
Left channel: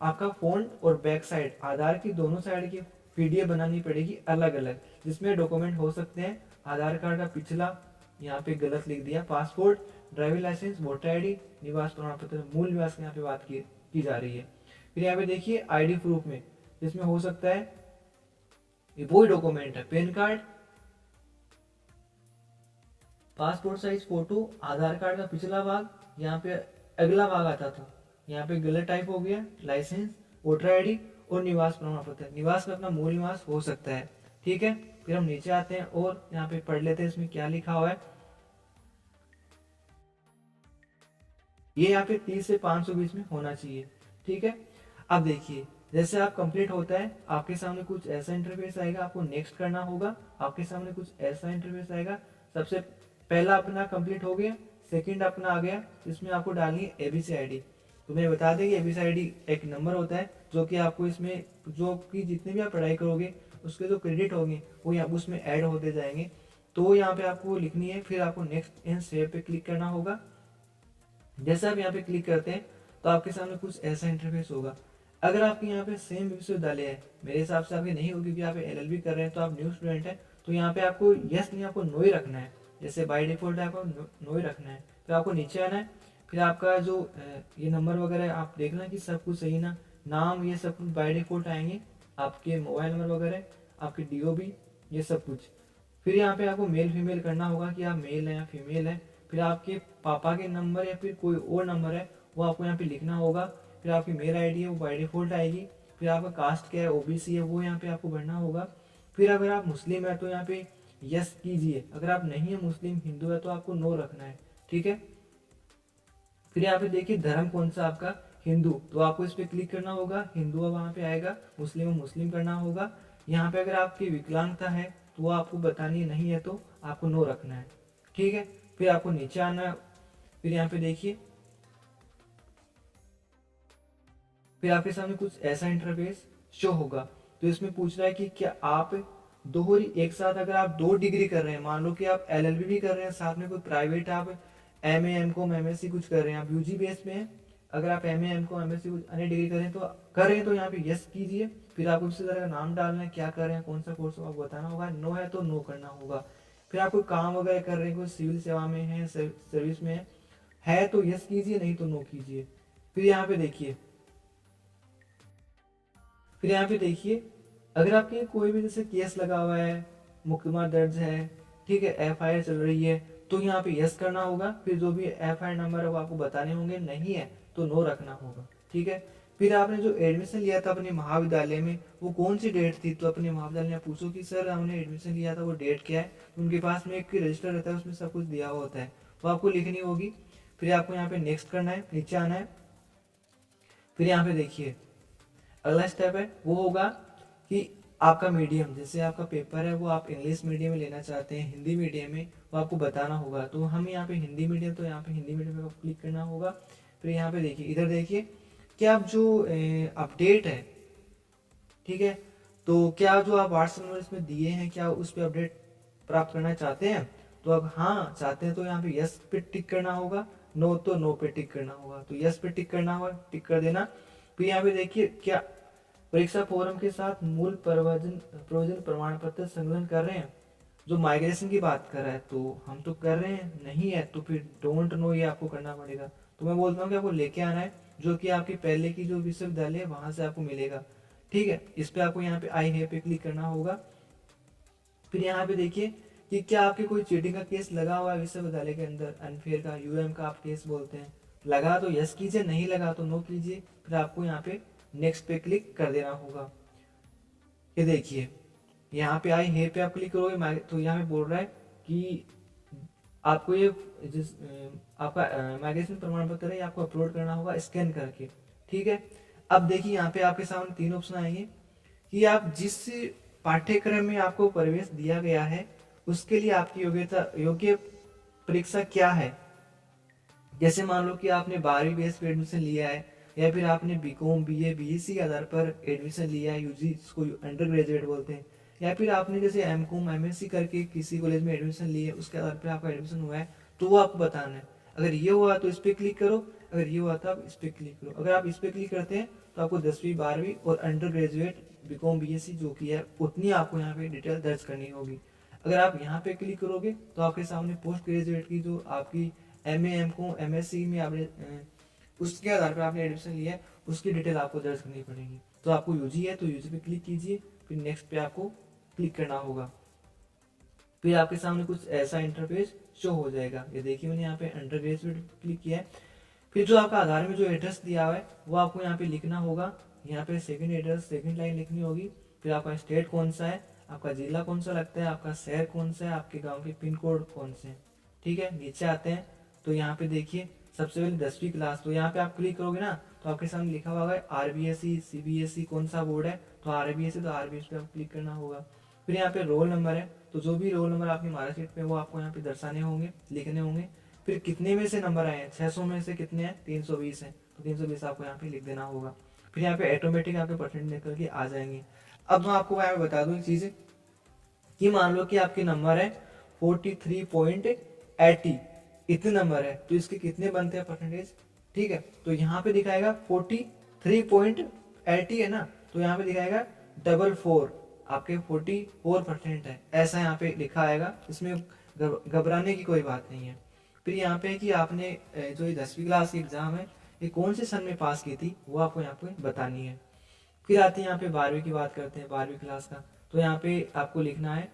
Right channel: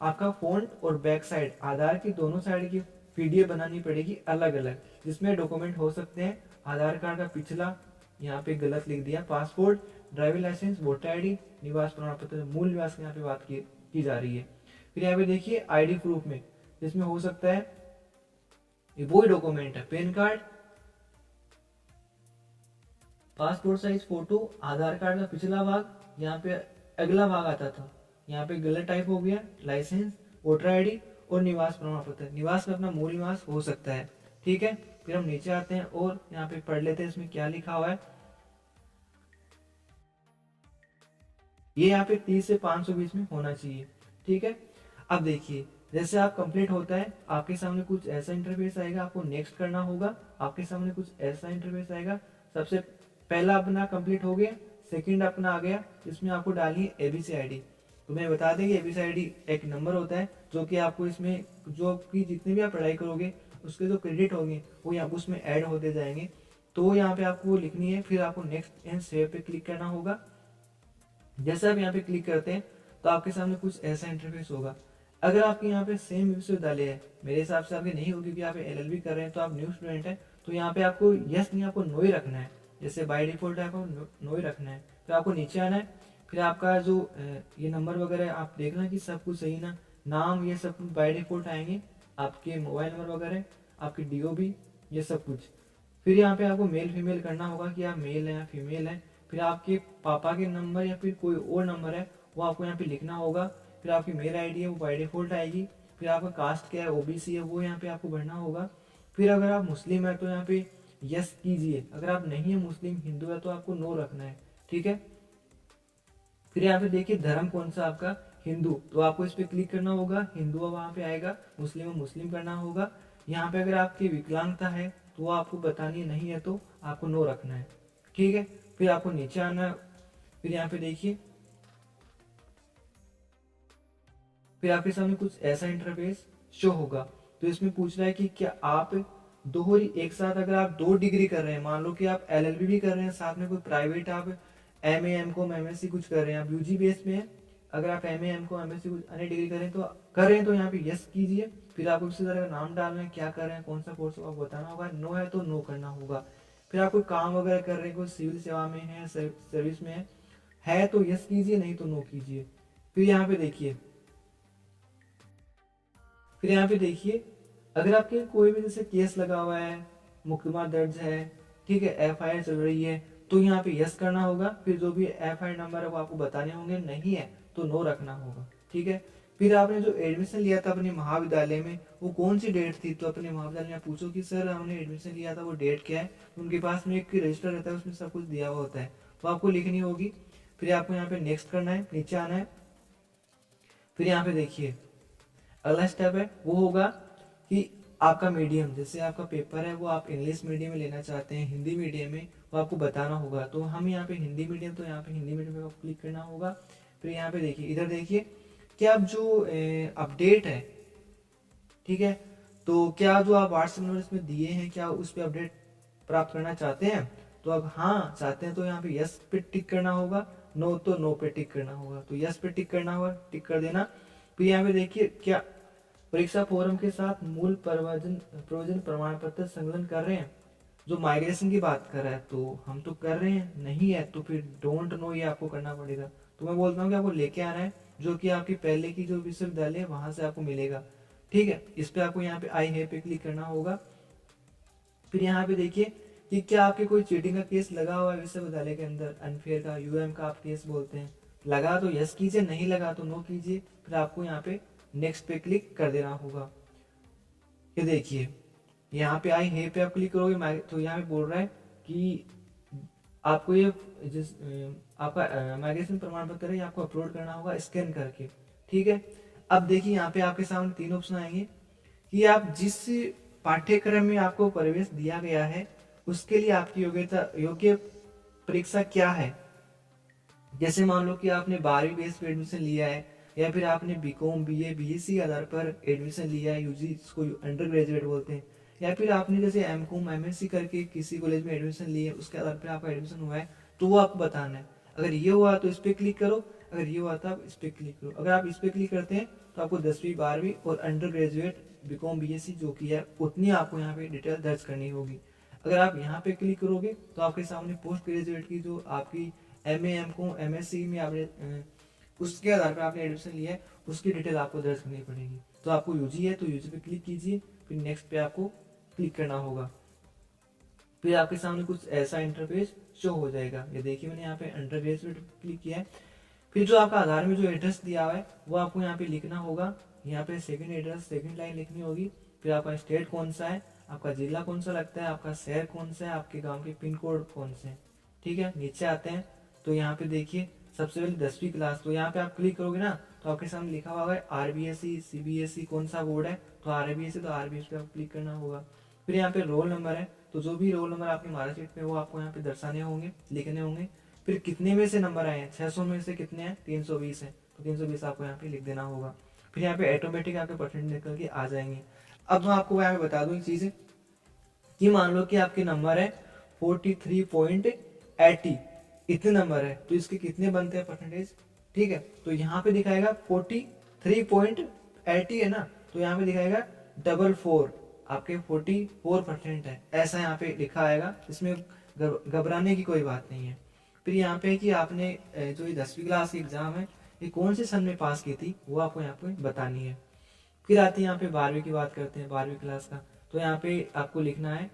आपका फ्रंट और बैक साइड आधार की दोनों साइड की पीडीएफ बनानी पड़ेगी अलग अलग, जिसमें डॉक्यूमेंट हो सकते हैं आधार कार्ड का पिछला, यहाँ पे गलत लिख दिया, passport, driving licence, voter ID, निवास प्रमाण पत्र, मूल निवास की यहाँ पे बात की जा रही है। फिर यहाँ पे देखिए आईडी प्रूफ में, जिसमें हो सकता है वही डॉक्यूमेंट है PAN card, passport size photo, Aadhaar card का पिछला भाग, यहाँ पे अगला भाग आता था, यहाँ पे गलत टाइप हो गया, लाइसेंस, वोटर आईडी और निवास प्रमाण पत्र। निवास में अपना मूल निवास हो सकता है, ठीक है। फिर हम नीचे आते हैं और यहाँ पे पढ़ लेते हैं इसमें क्या लिखा हुआ है। ये यहाँ पे 30 से 520 में होना चाहिए, ठीक है। अब देखिए जैसे आप कंप्लीट होता है आपके सामने कुछ ऐसा इंटरफेस आएगा, आपको नेक्स्ट करना होगा, आपके सामने कुछ ऐसा इंटरफेस आएगा। सबसे पहला अपना कंप्लीट हो गया, सेकंड अपना आ गया, जिसमें आपको डालनी है एबीसी आईडी। तो मैं बता दें कि एबीसी आईडी एक नंबर होता है जो कि आपको इसमें जो आपकी जितनी भी आप पढ़ाई करोगे उसके जो क्रेडिट होंगे वो यहाँ उसमें ऐड होते जाएंगे। तो यहाँ पे आपको लिखनी है, फिर आपको नेक्स्ट एंड सेव पे क्लिक करना होगा। जैसे आप यहाँ पे क्लिक करते हैं तो आपके सामने कुछ ऐसा इंटरफेस होगा। अगर आपके यहाँ पे सेम विश्वविद्यालय है, मेरे हिसाब से आपके नहीं होगी क्योंकि आप एलएलबी कर रहे हैं तो आप न्यू स्टूडेंट हैं, तो यहाँ पे आपको यस नहीं, आपको नो ही रखना है। जैसे बाय डिफॉल्ट आपको नो ही रखना है। फिर आपको नीचे आना है, फिर आपका जो ये नंबर वगैरह आप देखना कि सब कुछ सही ना, नाम ये सब कुछ बाय डिफॉल्ट आएंगे, आपके मोबाइल नंबर वगैरह, आपकी डीओबी, ये सब कुछ। फिर यहाँ पे आपको मेल फीमेल करना होगा कि आप मेल है या फीमेल है। फिर आपके पापा के नंबर या फिर कोई और नंबर है वो आपको यहाँ पे लिखना होगा। फिर आपकी मेल आईडी है वो बाय डिफॉल्ट आएगी। फिर आपका कास्ट क्या है, ओबीसी है, वो यहाँ पे आपको भरना होगा। फिर अगर आप मुस्लिम है तो यहाँ पे यस कीजिए, अगर आप नहीं है मुस्लिम हिंदू है तो आपको नो रखना है, ठीक है। फिर यहाँ पे देखिए धर्म कौन सा आपका, हिंदू, तो आपको इस पर क्लिक करना होगा, हिंदू अब वहाँ पे आएगा, मुस्लिम मुस्लिम करना होगा। यहाँ पे अगर आपकी विकलांगता है तो वो आपको बतानी नहीं है तो आपको नो रखना है, ठीक है। फिर आपको नीचे आना है, फिर यहाँ पे देखिए फिर आपके सामने कुछ ऐसा इंटरफेस शो होगा। तो इसमें पूछ रहा है कि क्या आप दोहरी एक साथ, अगर आप 2 डिग्री कर रहे हैं, मान लो कि आप एलएलबी भी कर रहे हैं साथ में कोई प्राइवेट आप एमए एमकॉम एमएससी कुछ कर रहे हैं, आप यूजी बेस में है, अगर आप एमए एमकॉम एमएससी कुछ अन्य डिग्री कर रहे हैं तो यहाँ पे यस कीजिए। फिर आपको किसी तरह का नाम डालना है, क्या कर रहे हैं, कौन सा कोर्स आपको बताना होगा, नो है तो नो करना होगा। फिर आप कोई काम वगैरह कर रहे हैं, कोई सिविल सेवा में है, सर्विस में है तो यस कीजिए, नहीं तो नो कीजिए। फिर यहाँ पे देखिए अगर आपके कोई भी जैसे केस लगा हुआ है, मुकदमा दर्ज है, ठीक है, एफआईआर चल रही है, तो यहाँ पे यस करना होगा। फिर जो भी एफआईआर नंबर है वो आपको बताने होंगे, नहीं है तो नो रखना होगा, ठीक है। फिर आपने जो एडमिशन लिया था अपने महाविद्यालय में वो कौन सी डेट थी, तो अपने महाविद्यालय में पूछो कि सर हमने एडमिशन लिया था वो डेट क्या है, उनके पास में एक रजिस्टर रहता है उसमें सब कुछ दिया हुआ होता है, तो आपको लिखनी होगी। फिर आपको यहाँ पे नेक्स्ट करना है, नीचे आना है। फिर यहाँ पे देखिए अगला स्टेप है वो होगा कि आपका मीडियम, जैसे आपका पेपर है वो आप इंग्लिश मीडियम में लेना चाहते हैं, हिंदी मीडियम में, वो आपको बताना होगा। तो हम यहाँ पे हिंदी मीडियम, तो यहाँ पे हिंदी मीडियम में आपको क्लिक करना होगा। फिर यहाँ पे देखिए इधर देखिए कि आप जो अपडेट है, ठीक है, तो क्या जो आप व्हाट्सएप नंबर इसमें दिए हैं क्या उस पर अपडेट प्राप्त करना चाहते हैं, तो अब हाँ चाहते हैं तो यहाँ पे यस पे टिक करना होगा, नो तो नो पे टिक करना होगा। तो यस पे टिक करना होगा, टिक कर देना। फिर यहाँ पे देखिए क्या परीक्षा फॉर्म के साथ मूल प्रयोजन प्रमाण पत्र संकलन कर रहे हैं, जो माइग्रेशन की बात कर रहा है, तो हम तो कर रहे हैं, नहीं है तो फिर डोंट नो ये आपको करना पड़ेगा। तो मैं बोलता हूँ कि आपको लेके आना है जो कि आपकी पहले की जो विश्वविद्यालय है वहां से आपको मिलेगा, ठीक है। इस पे आपको यहाँ पे आई है पे क्लिक करना होगा। फिर यहाँ पे देखिए कि क्या आपके कोई चीटिंग का केस लगा हुआ है विश्वविद्यालय के अंदर, अनफेयर का, यूएम का आप केस बोलते हैं, लगा तो यस कीजिए, नहीं लगा तो नो कीजिए। फिर आपको यहाँ पे नेक्स्ट पे क्लिक कर देना होगा। ये देखिए यहाँ पे आई है पे आप क्लिक करोगे तो यहाँ पे बोल रहा है कि आपको ये आपका माइग्रेशन प्रमाण पत्र है आपको अपलोड करना होगा स्कैन करके, ठीक है। अब देखिए यहाँ पे आपके सामने 3 ऑप्शन आएंगे कि आप जिस पाठ्यक्रम में आपको प्रवेश दिया गया है उसके लिए आपकी योग्य परीक्षा क्या है। जैसे मान लो कि आपने 12वीं बेस पे एडमिशन लिया है या फिर आपने बीकॉम बीए बीएससी के आधार पर एडमिशन लिया है, यूजी इसको अंडर ग्रेजुएट बोलते हैं, या फिर आपने जैसे एमकॉम एमएससी करके किसी कॉलेज में एडमिशन लिए उसके आधार पर आपका एडमिशन हुआ है, तो वो आपको बताना है। अगर ये हुआ तो इस पर क्लिक करो, अगर ये हुआ तो आप इस पर क्लिक करो। अगर आप इस पर क्लिक करते हैं तो आपको 10वीं 12वीं और अंडर ग्रेजुएट बीकॉम बीएससी जो की है उतनी आपको यहाँ पे डिटेल दर्ज करनी होगी। अगर आप यहाँ पे क्लिक करोगे तो आपके सामने पोस्ट ग्रेजुएट की जो आपकी एमए एमकॉम एमएससी में आपने उसके आधार पर आपने एडमिशन लिया है उसकी डिटेल आपको दर्ज करनी पड़ेगी। तो आपको यूजी है तो यूजी पे क्लिक कीजिए, फिर नेक्स्ट पे आपको क्लिक करना होगा। फिर आपके सामने कुछ ऐसा इंटरफेस शो हो जाएगा। ये देखिए मैंने यहाँ पे अंडर ग्रेजुएट क्लिक किया है। फिर जो आपका आधार में जो एड्रेस दिया हुआ है वो आपको यहाँ पे लिखना होगा। यहाँ पे सेकंड एड्रेस सेकंड लाइन लिखनी होगी। फिर आपका स्टेट कौन सा है, आपका जिला कौन सा लगता है, आपका शहर कौन सा है, आपके गांव के पिन कोड कौन से हैं। ठीक है, नीचे आते हैं तो यहाँ पे देखिए सबसे पहले 10वीं क्लास, तो यहाँ पे आप क्लिक करोगे ना तो आपके सामने लिखा हुआ है आरबीएसई सीबीएसई कौन सा बोर्ड है, तो आरबीएसई, तो आरबीएसई पे आपको क्लिक करना होगा। फिर यहाँ पे रोल नंबर है, तो जो भी रोल नंबर आपकी मार्कशीट पे वो आपको यहाँ पे दर्शाने होंगे, लिखने होंगे। फिर कितने में से नंबर आए हैं, 600 में से कितने हैं, 320 है, तो 320 आपको यहाँ पे लिख देना होगा। फिर यहाँ पे ऑटोमेटिक आपके परसेंट निकल के आ जाएंगे। अब मैं आपको यहाँ पे बता दूँ एक चीज़ कि मान लो कि आपके नंबर है 43.80, इतने नंबर है तो इसके कितने बनते हैं परसेंटेज। ठीक है, तो यहाँ पे दिखाएगा 43.80 है ना, तो यहाँ पे दिखाएगा 44, आपके 44% है, ऐसा यहाँ पे लिखा आएगा। इसमें घबराने की कोई बात नहीं है। फिर यहाँ पे कि आपने जो ये 10वीं क्लास की एग्ज़ाम है ये कौन से सन में पास की थी वो आपको यहाँ पे बतानी है। फिर आते हैं यहाँ पे 12वीं की बात करते हैं, 12वीं क्लास का। तो यहाँ पे आपको लिखना है,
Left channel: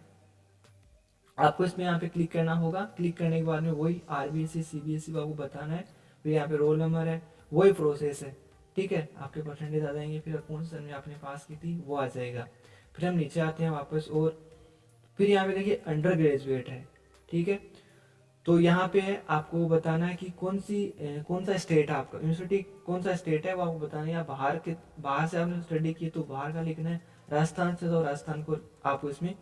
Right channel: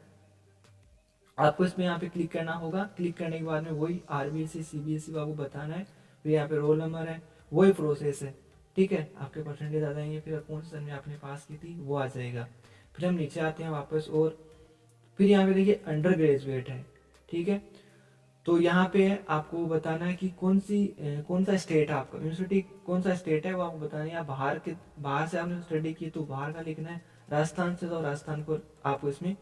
आपको इसमें यहाँ पे क्लिक करना होगा। क्लिक करने के बाद में वही आरबीएसई सीबीएसई को आपको बताना है। फिर यहाँ पे रोल नंबर है, वही प्रोसेस है। ठीक है, आपके परसेंटेज आ जाएंगे, फिर कौन से सन में आपने पास की थी वो आ जाएगा। फिर हम नीचे आते हैं वापस, और फिर यहाँ पे देखिए अंडर ग्रेजुएट है। ठीक है, तो यहाँ पे आपको बताना है कि कौन सा स्टेट है आपका, यूनिवर्सिटी कौन सा स्टेट है वो आपको बताना है। या बाहर से आपने स्टडी की तो बाहर का लिखना है, राजस्थान से तो राजस्थान को आपको इसमें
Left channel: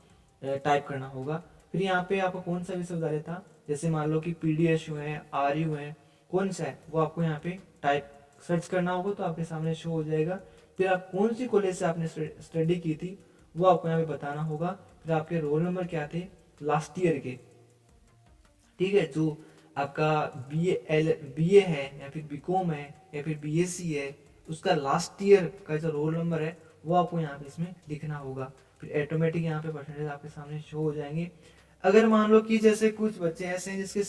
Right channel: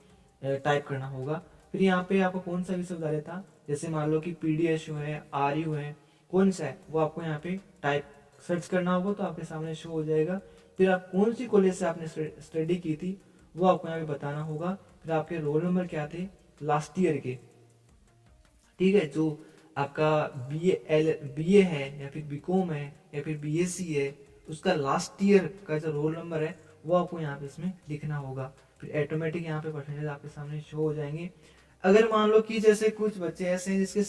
टाइप करना होगा। फिर यहाँ पे आपको कौन सा विश्वविद्यालय था, जैसे मान लो कि पीडीएसयू है, आरयू है, कौन सा है वो आपको यहाँ पे टाइप सर्च करना होगा, तो आपके सामने शो हो जाएगा। फिर आप कौन सी कॉलेज से आपने स्टडी की थी वो आपको यहाँ पे बताना होगा। फिर आपके रोल नंबर क्या थे लास्ट ईयर के। ठीक है, जो आपका बीए है या फिर बीकॉम है या फिर बीएससी है, उसका लास्ट ईयर का जो रोल नंबर है वो आपको यहाँ पे इसमें लिखना होगा। फिर ऑटोमेटिक यहाँ पे परसेंटेज आपके सामने शो हो जाएंगे। अगर मान लो कि जैसे कुछ बच्चे ऐसे हैं जिसके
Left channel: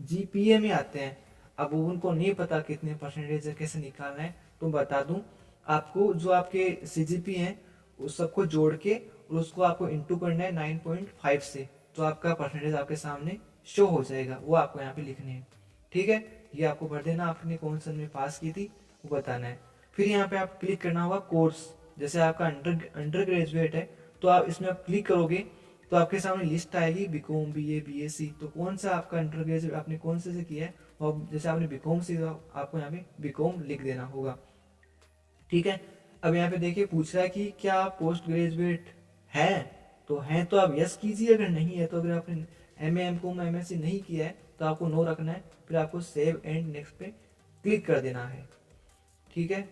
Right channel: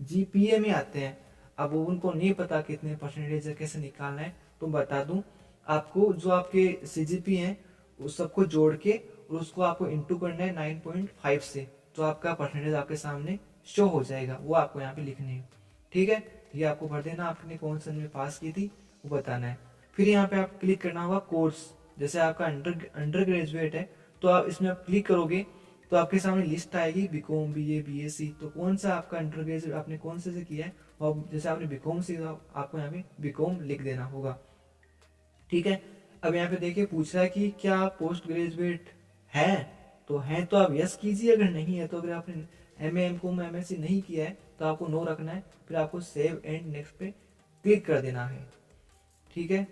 CGPA में आते हैं, अब उनको नहीं पता कितने परसेंटेज कैसे निकालना है, तो बता दूं आपको, जो आपके CGPA हैं उस सबको जोड़ के और उसको आपको इंटू करना है 9.5 से, तो आपका परसेंटेज आपके सामने शो हो जाएगा, वो आपको यहाँ पे लिखने हैं। ठीक है, ये आपको भर देना, आपने कौन सन में पास की थी वो बताना है। फिर यहाँ पे आप क्लिक करना होगा कोर्स, जैसे आपका अंडर ग्रेजुएट है तो आप इसमें क्लिक करोगे तो आपके सामने लिस्ट आएगी बीकॉम बीए बीएससी, तो कौन सा आपका अंडर ग्रेजुएट आपने कौन से किया है, और जैसे आपने बीकॉम से आपको यहाँ पे बीकॉम लिख देना होगा। ठीक है, अब यहाँ पे देखिए पूछ रहा है कि क्या आप पोस्ट ग्रेजुएट हैं, तो हैं तो आप यस कीजिए, अगर नहीं है तो अगर आपने एमए एमकॉम एमएससी नहीं किया है तो आपको नो रखना है। फिर आपको सेव एंड नेक्स्ट पे क्लिक कर देना है। ठीक है,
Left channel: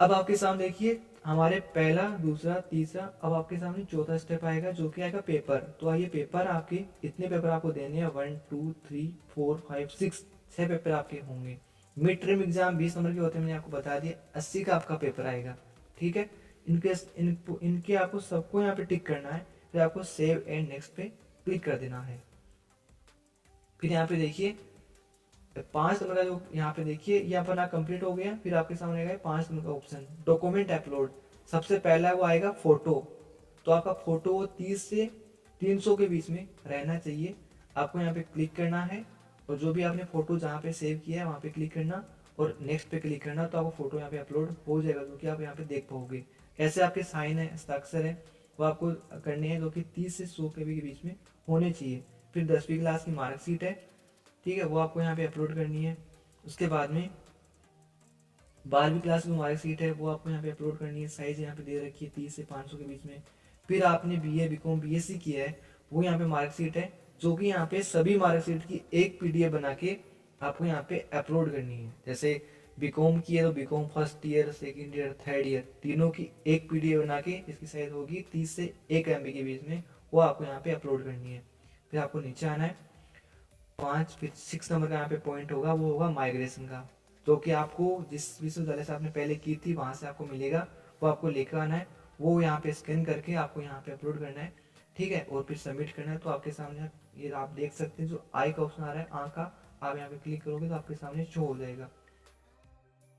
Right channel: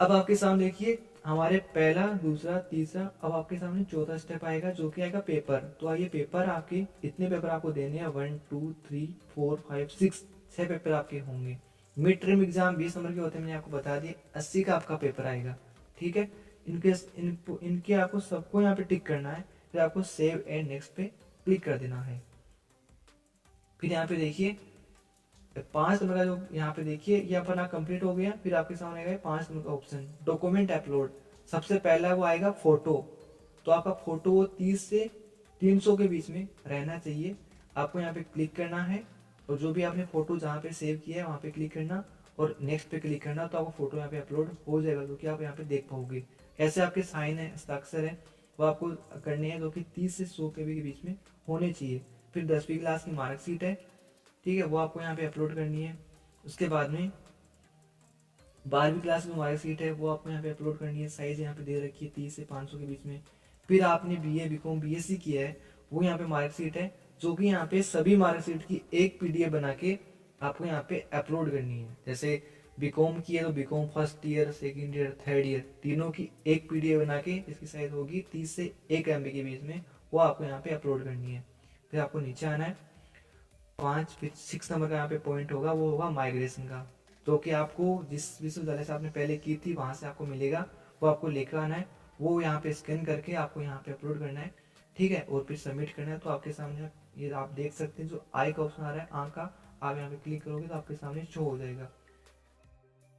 अब आपके सामने देखिए हमारे पहला दूसरा तीसरा, अब आपके सामने चौथा स्टेप आएगा जो कि आएगा पेपर। तो आइए पेपर आपके इतने पेपर आपको देने हैं, 1 2 3 4 5 6, 6 पेपर आपके होंगे। मिड टर्म एग्जाम 20 नंबर के होते हैं, मैंने आपको बता दिया, 80 का आपका पेपर आएगा। ठीक है, इनके आपको सबको यहाँ पे टिक करना है। फिर आपको सेव एंड नेक्स्ट पे क्लिक कर देना है। फिर यहाँ पे देखिए 5 नंबर का जो यहाँ पे देखिए ये अपना कंप्लीट हो गया। फिर आपके सामने आएगा 5 नंबर का ऑप्शन डॉक्यूमेंट अपलोड। सबसे पहला वो आएगा फोटो, तो आपका फोटो 30 से 300 के बीच में रहना चाहिए। आपको यहाँ पे क्लिक करना है और जो भी आपने फोटो जहाँ पे सेव किया है वहाँ पे क्लिक करना और नेक्स्ट पे क्लिक करना, तो आपको फोटो यहाँ पे अपलोड हो जाएगा, जो कि आप यहाँ पे देख पाओगे। ऐसे आपके साइन है, हस्ताक्षर है, वो आपको करने हैं, जो कि 30 से 100 के बीच में होने चाहिए। फिर 10वीं क्लास की मार्कशीट है, ठीक है, वो आपको यहाँ पे अपलोड करनी है। उसके बाद में 12वीं क्लास की मार्कशीट है, वो आपको यहाँ पे अपलोड करनी है। साइज यहाँ पे दे रखी है 30 से 500 के बीच में। फिर आपने बीए बीकॉम बीएससी किया है, वो यहाँ पे मार्कशीट है, जो कि यहाँ पे सभी मार्कशीट की एक PDF बना के आपको यहाँ पे अपलोड करनी है। जैसे बीकॉम की है तो BCom first year, second year, third year, तीनों की एक PDF बना के, इसकी साइज होगी 30 से 1 MB के बीच में, वो आपको यहाँ पे अपलोड करनी है। फिर आपको नीचे आना है, 5 फिर 6 नंबर का यहाँ पे पॉइंट होगा, वो होगा माइग्रेशन का। जो कि आपको जिस विश्वविद्यालय से आपने पहले की थी वहाँ से आपको मिलेगा, वो आपको लेकर आना है, वो यहाँ पे स्कैन करके आपको यहाँ पे अपलोड करना है, ठीक है, और फिर सबमिट करना है। तो आपके सामने ये आप देख सकते हैं जो आई का ऑप्शन आ रहा है, आँख का, आप यहाँ पे क्लिक करोगे तो आपके सामने शो हो जाएगा।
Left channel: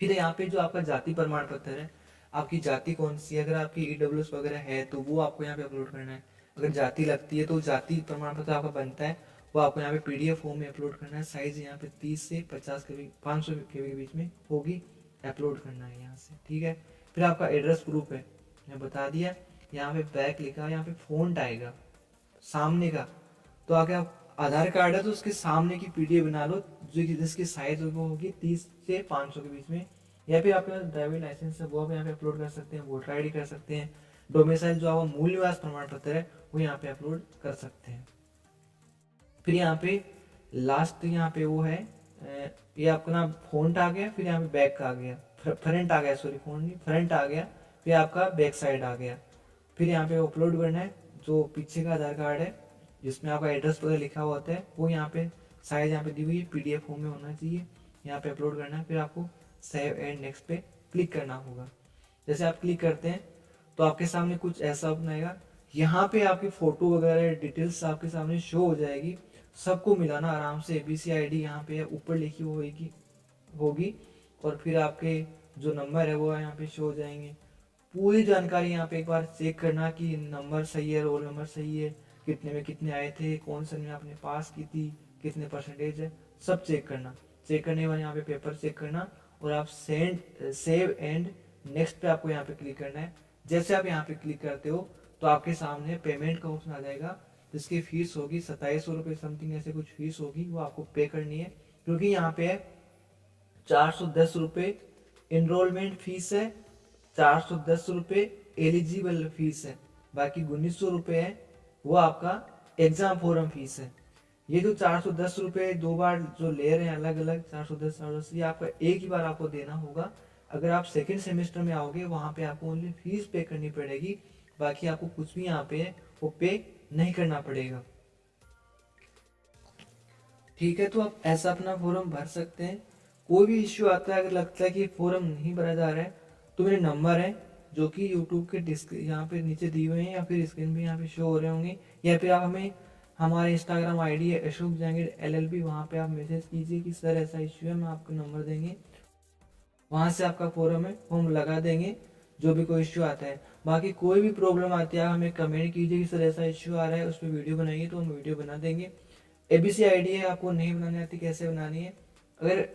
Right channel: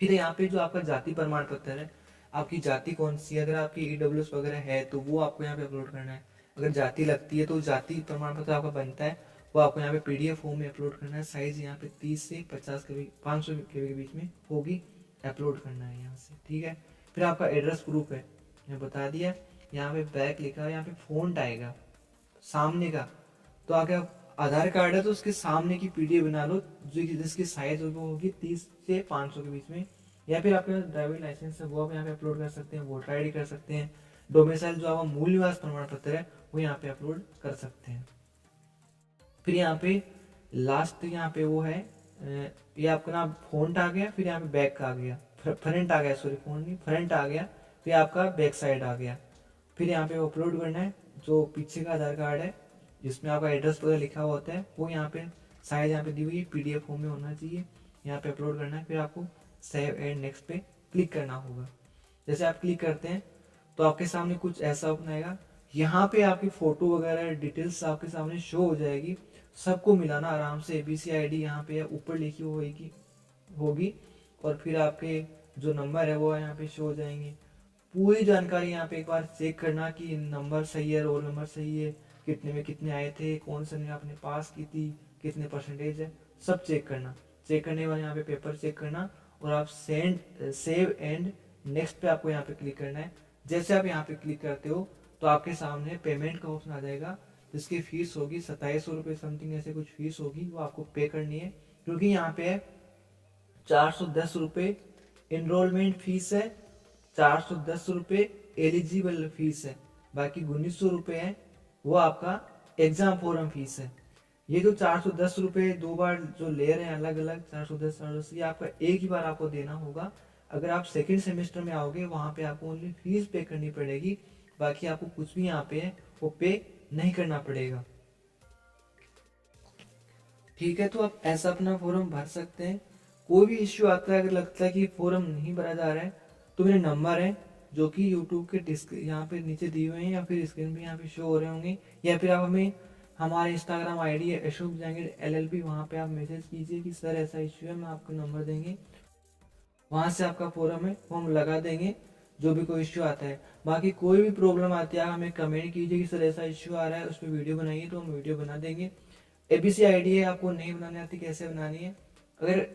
फिर यहाँ पे जो आपका जाति प्रमाण पत्र है, आपकी जाति कौन सी है, अगर आपकी ईडब्ल्यूएस वगैरह है तो वो आपको यहाँ पे अपलोड करना है। अगर जाति लगती है तो जाति प्रमाण पत्र आपका बनता है, वो आपको यहाँ पे पीडीएफ फॉर्म में अपलोड करना है। साइज यहाँ पे 30 से 50 के बीच 500 के बीच में होगी, अपलोड करना है यहाँ से, ठीक है। फिर आपका एड्रेस प्रूफ है, मैं बता दिया, यहाँ पे बैक लिखा है, यहाँ पे फ़ॉन्ट आएगा सामने का, तो आगे आप आधार कार्ड है तो उसके सामने की पीडीएफ बना लो, जो जिसकी साइज वो होगी 30 से 500 के बीच में। या फिर आपका ड्राइविंग लाइसेंस है वो आप यहाँ पे अपलोड कर सकते हैं, वोटर आईडी कर सकते हैं, डोमिसाइल जो आपका मूल निवास प्रमाण पत्र है वो यहाँ पे अपलोड कर सकते हैं। फिर यहाँ पे लास्ट यहाँ पे वो है, ये आपका ना फ्रंट आ गया, फिर यहाँ पे बैक आ गया, फ्रंट आ गया, सॉरी फ्रंट नहीं, फ्रंट आ गया, फिर आपका बैक साइड आ गया। फिर यहाँ पे अपलोड करना है जो पीछे का आधार कार्ड है जिसमें आपका एड्रेस वगैरह लिखा हुआ होता है, वो यहाँ पे साइज यहाँ पे दी हुई है, पीडीएफ फॉर्म में होना चाहिए, यहाँ पे अपलोड करना है। फिर आपको सेव एंड नेक्स्ट पे क्लिक करना होगा। जैसे आप क्लिक करते हैं तो आपके सामने कुछ ऐसा ओपन आएगा, यहाँ पे आपकी फ़ोटो वगैरह डिटेल्स आपके सामने शो हो जाएगी। सबको मिलाना आराम से, ABC ID यहाँ पे ऊपर लिखी होगी और फिर आपके जो नंबर है वो यहाँ पे शो हो जाएंगे। पूरी जानकारी यहाँ पे एक बार चेक करना कि नंबर सही है, रोल नंबर सही है, कितने में कितने आए थे, कौन सा में आपने पास की थी, कितने परसेंटेज है, सब चेक करना। चेक करने के बाद यहाँ पे पेपर चेक करना और आप सेव एंड नेक्स्ट पे आपको यहाँ पे क्लिक करना है। जैसे आप यहाँ पे क्लिक करते हो तो आपके सामने पेमेंट का ऑप्शन आ जाएगा, जिसकी फीस होगी 2700 रुपये समथिंग, ऐसे कुछ फीस होगी, वो आपको पे करनी है। क्योंकि यहाँ पे 410 रुपये इनरोलमेंट फीस है, 410 रुपये एलिजिबल फीस है, बाकी 1900 रुपये है वो आपका एग्जाम फॉरम फीस है। ये जो 410 रुपये 2 बार जो ले रहे हैं अलग अलग 410 ये आपका एक ही बार आपको देना होगा। अगर आप सेकंड सेमेस्टर में आओगे वहाँ पे आपको ओनली फीस पे करनी पड़ेगी, बाकी आपको कुछ भी यहाँ पे वो पे नहीं करना पड़ेगा, ठीक है। तो आप ऐसा अपना फॉर्म भर सकते हैं। कोई भी इश्यू आता है, अगर लगता है कि फॉर्म नहीं भरा जा रहा है तो मेरे नंबर है जो कि यूट्यूब के यहाँ पे नीचे दिए हुए हैं या फिर स्क्रीन पे यहाँ पे शो हो रहे होंगे, या फिर आप हमें हमारे इंस्टाग्राम ID है अशोक जहांगीर LLB, वहाँ पे आप मैसेज कीजिए कि सर ऐसा इश्यू है, मैं आपको नंबर देंगे, वहाँ से आपका फॉर्म है वो हम लगा देंगे जो भी कोई इश्यू आता है। बाकी कोई भी प्रॉब्लम आती है आप हमें कमेंट कीजिए कि सर ऐसा इश्यू आ रहा है, उस पर वीडियो बनाइए, तो हम वीडियो बना देंगे। ABC ID है, आपको नहीं बनानी आती कैसे बनानी है, अगर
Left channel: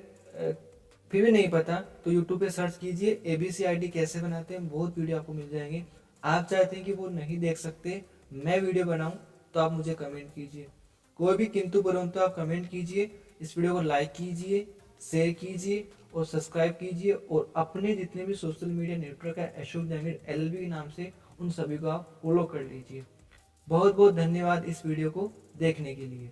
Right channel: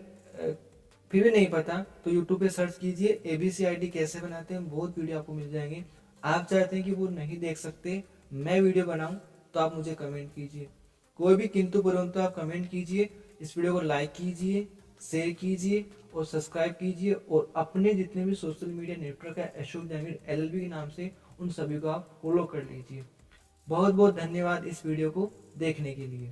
फिर भी नहीं पता तो यूट्यूब पे सर्च कीजिए ABC ID कैसे बनाते हैं, बहुत वीडियो आपको मिल जाएंगे। आप चाहते हैं कि वो नहीं देख सकते, मैं वीडियो बनाऊं, तो आप मुझे कमेंट कीजिए, कोई भी किंतु परंतु आप कमेंट कीजिए। इस वीडियो को लाइक कीजिए, शेयर कीजिए और सब्सक्राइब कीजिए, और अपने जितने भी सोशल मीडिया नेटवर्क है अशोक जहांगीर LLB के नाम से उन सभी को आप फॉलो कर लीजिए। बहुत बहुत धन्यवाद इस वीडियो को देखने के लिए।